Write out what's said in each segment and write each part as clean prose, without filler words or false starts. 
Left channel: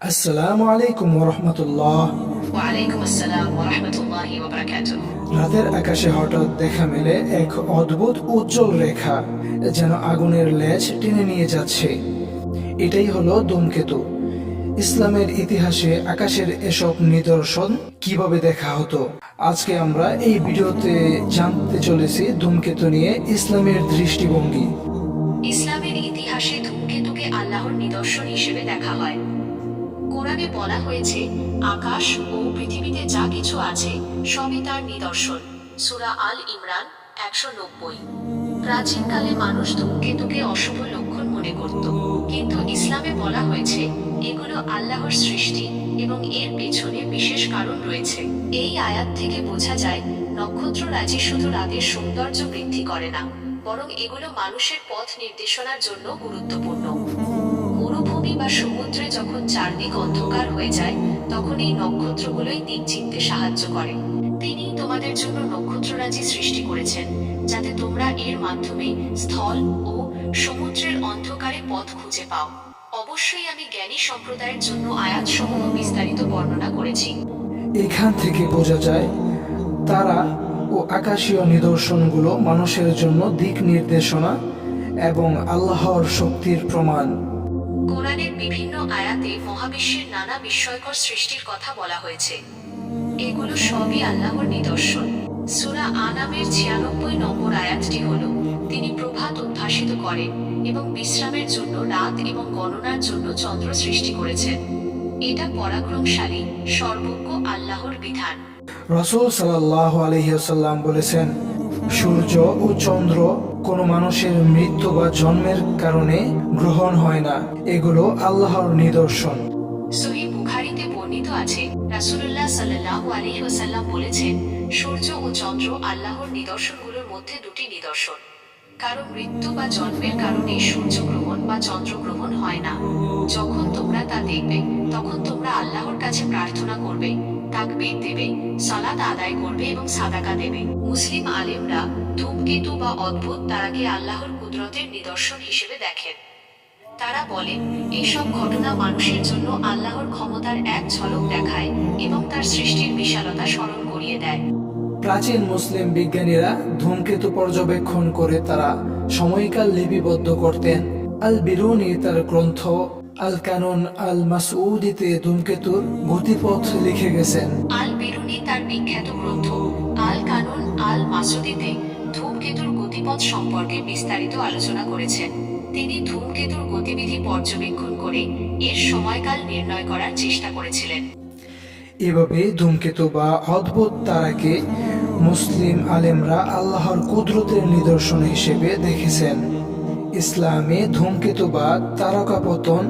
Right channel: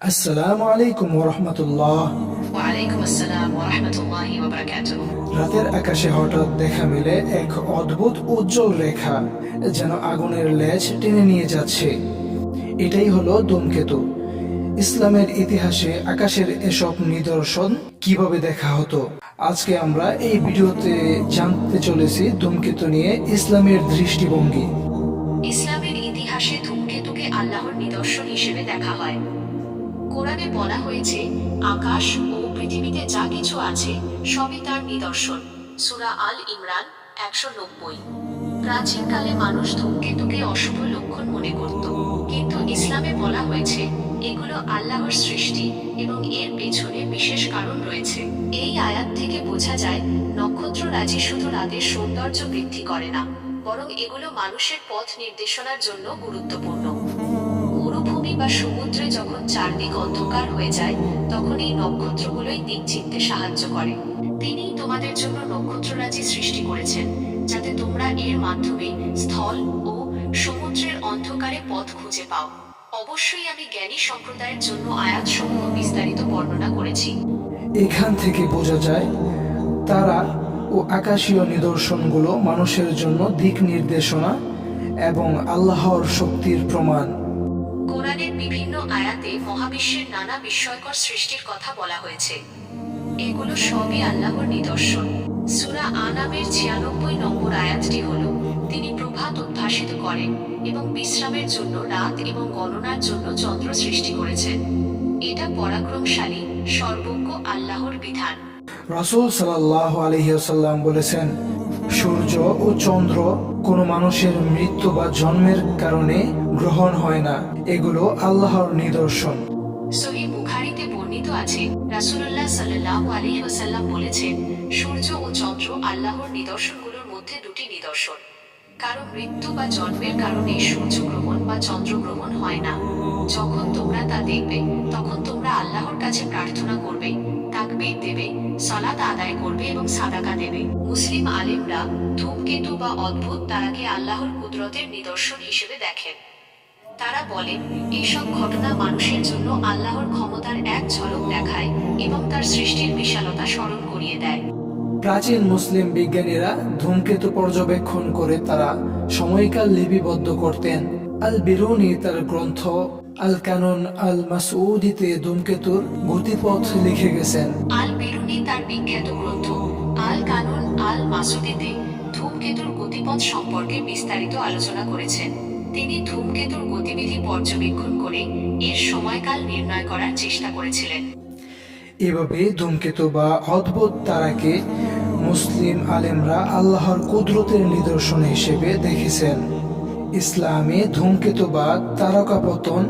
আসসালামু আলাইকুম ওরহমতুল্লাহ। ওয়ালাইকুম আসসালাম ওয়া রাহমাতুল্লাহি ওয়া বারাকাতুহু। রাতের আকাশে হঠাৎ দেখা মেলে এক অদ্ভুত উজ্জ্বল রেখা, যেন আগুনের লেজ টেনে নিয়ে যাচ্ছে। এটাই হলো ধূমকেতু। ইসলামের ইতিহাসে আকাশের এসব নিদর্শন কিভাবে দেখা হতো, আজকে আমরা এই ভিডিওতে জানতে চলেছি ধূমকেতু নিয়ে ইসলামের দৃষ্টিভঙ্গি। ইসলামের ইতিহাসে ধূমকেতুকে আল্লাহর নিদর্শন হিসেবে দেখা হয়। কোরআনে বলা হয়েছে, আকাশ ও পৃথিবীতে যা কিছু আছে সবই তার নিদর্শন। সূরা আল ইমরান 190। প্রাচীনকালে মানুষ ধূমকেতুকে অশুভ লক্ষণ মনে করত, কিন্তু ইসলামে বলা হয়েছে এগুলো আল্লাহর সৃষ্টি এবং এর পেছনে বিশেষ কারণ রয়েছে। এই আয়াত থেকে বোঝা যায় নক্ষত্ররাজি শুধু রাতের সৌন্দর্য বৃদ্ধি করে না, বরং এগুলো মানুষের পথ নির্দেশনার জন্য গুরুত্বপূর্ণ। মরুভূমি বা সমুদ্রে যখন চারদিক অন্ধকার হয়ে যায়, তখন এই নক্ষত্রগুলোই দিক চিনতে সাহায্য করে। তিনিই তোমাদের জন্য নক্ষত্ররাজি সৃষ্টি করেছেন, যাতে তোমরা এর মাধ্যমে স্থল ও সমুদ্রের অন্ধকারে পথ খুঁজে পাও। অবশ্যই আমি জ্ঞানী সম্প্রদায়ের জন্য আয়াতসমূহ বিস্তারিত বর্ণনা করেছি। এখান থেকে বোঝা যায় তারা ও আকাশীয় নিদর্শনগুলো মানুষের জন্য দিক নির্দেশনা এবং আল্লাহর শক্তির প্রমাণ। কোরআনের বিভিন্ন আয়াতে মহাবিশ্বের নানা বিস্ময়কর সৃষ্টির কথা বলা হয়েছে। এগুলো সবই আল্লাহর নিদর্শন। সূরা আনামের 96 নম্বর আয়াতটি হল, তিনি প্রভাত উদ্ভাসিত করেন এবং বিশ্রামের জন্য রাত এবং গণনার জন্য চন্দ্র সৃষ্টি করেছেন। এটা পরাক্রমশালী সর্বজ্ঞ আল্লাহর বিধান। রাসূল সাল্লাল্লাহু আলাইহি ওয়াসাল্লাম বলেছেন, সূর্য ও চন্দ্র কোনো মানুষের মৃত্যু বা জন্মের কারণে গ্রহণ হয় না, এগুলো আল্লাহর নিদর্শন। সহিহ বুখারীতে বর্ণিত আছে, রাসূলুল্লাহ সাল্লাল্লাহু আলাইহি ওয়াসাল্লাম বলেছেন, সূর্য ও চন্দ্র আল্লাহর নিদর্শনগুলোর মধ্যে দুটি নিদর্শন। কারণ মৃত্যু বা জন্মের কারণে সূর্যগ্রহণ বা চন্দ্রগ্রহণ হয় না। যখন তোমরা তা দেখবে, তখন তোমরা আল্লাহর কাছে প্রার্থনা করবে, তাকবীর দেবে, সালাত আদায় করবে এবং সাদাকা দেবে। মুসলিম আলেমরা ধূমকেতু বা অদ্ভুত তারাকে আল্লাহর কুদরতের নিদর্শন হিসেবে দেখেন। তারা বলেন, এইসব ঘটনা মানুষের জন্য আল্লাহর ক্ষমতার এক ঝলক দেখায় এবং তার সৃষ্টির বিশালতা স্মরণ করিয়ে দেয়। প্রাচীন মুসলিম বিজ্ঞানীরা ধূমকেতু পর্যবেক্ষণ করে তারা সময়কাল লিপিবদ্ধ করতেন। আল বিরুনি তার গ্রন্থ আল কানুন আল মাসউদিতে ধূমকেতুর গতিপথ লিখে গেছেন। আল বিরুনি তার বিখ্যাত গ্রন্থ আল কানুন আল মাসুদিতে ধূমকেতুর গতিপথ সম্পর্কে বিস্তারিত আলোচনা করেছেন। তিনি ধূমকেতুর গতিবিধি পর্যবেক্ষণ করে এর সময়কাল নির্ণয় করার চেষ্টা করেছিলেন। এভাবে ধূমকেতু বা অদ্ভুত তারাকে মুসলিম আলেমরা আল্লাহর কুদরতের নিদর্শন হিসেবে দেখেছেন। ইসলামে ধূমকেতু বা তারকাপতন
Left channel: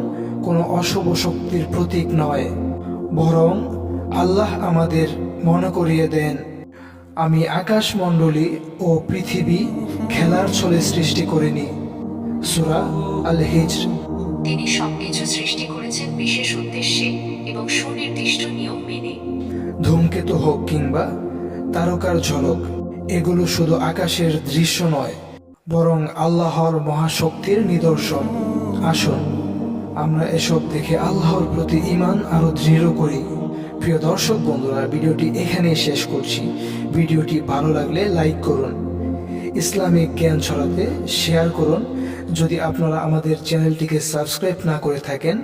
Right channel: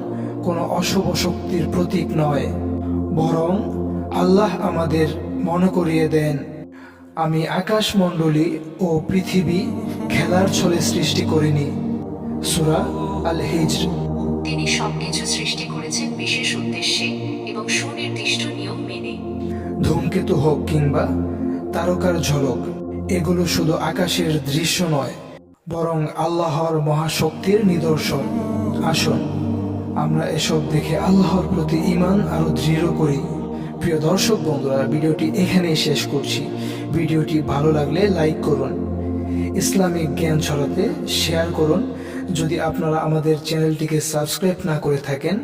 কোনো অশুভ শক্তির প্রতীক নয়, বরং আল্লাহ আমাদের মনে করিয়ে দেন, আমি আকাশমণ্ডলী ও পৃথিবী খেলার ছলে সৃষ্টি করিনি। সূরা আল হিজর। তিনি সবকিছু সৃষ্টি করেছেন বিশেষ উদ্দেশ্যে এবং সুনির্দিষ্ট নিয়ম মেনে। ধূমকেতু হোক কিংবা তারকার ঝলক, এগুলো শুধু আকাশের দৃশ্য নয়, বরং আল্লাহর মহাশক্তির নিদর্শন। আসুন আমরা এসব দেখে আল্লাহর প্রতি ঈমান আরো দৃঢ় করি। প্রিয় দর্শক বন্ধুরা, ভিডিওটি এখানেই শেষ করছি। ভিডিওটি ভালো লাগলে লাইক করুন, ইসলামিক জ্ঞান ছড়াতে শেয়ার করুন। যদি আপনারা আমাদের চ্যানেলটিকে সাবস্ক্রাইব না করে থাকেন,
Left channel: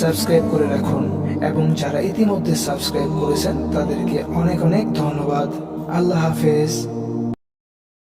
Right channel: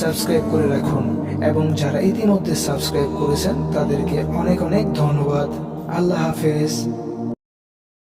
সাবস্ক্রাইব করে রাখুন, এবং যারা ইতিমধ্যে সাবস্ক্রাইব করেছেন তাদেরকে অনেক অনেক ধন্যবাদ। আল্লাহ হাফেজ।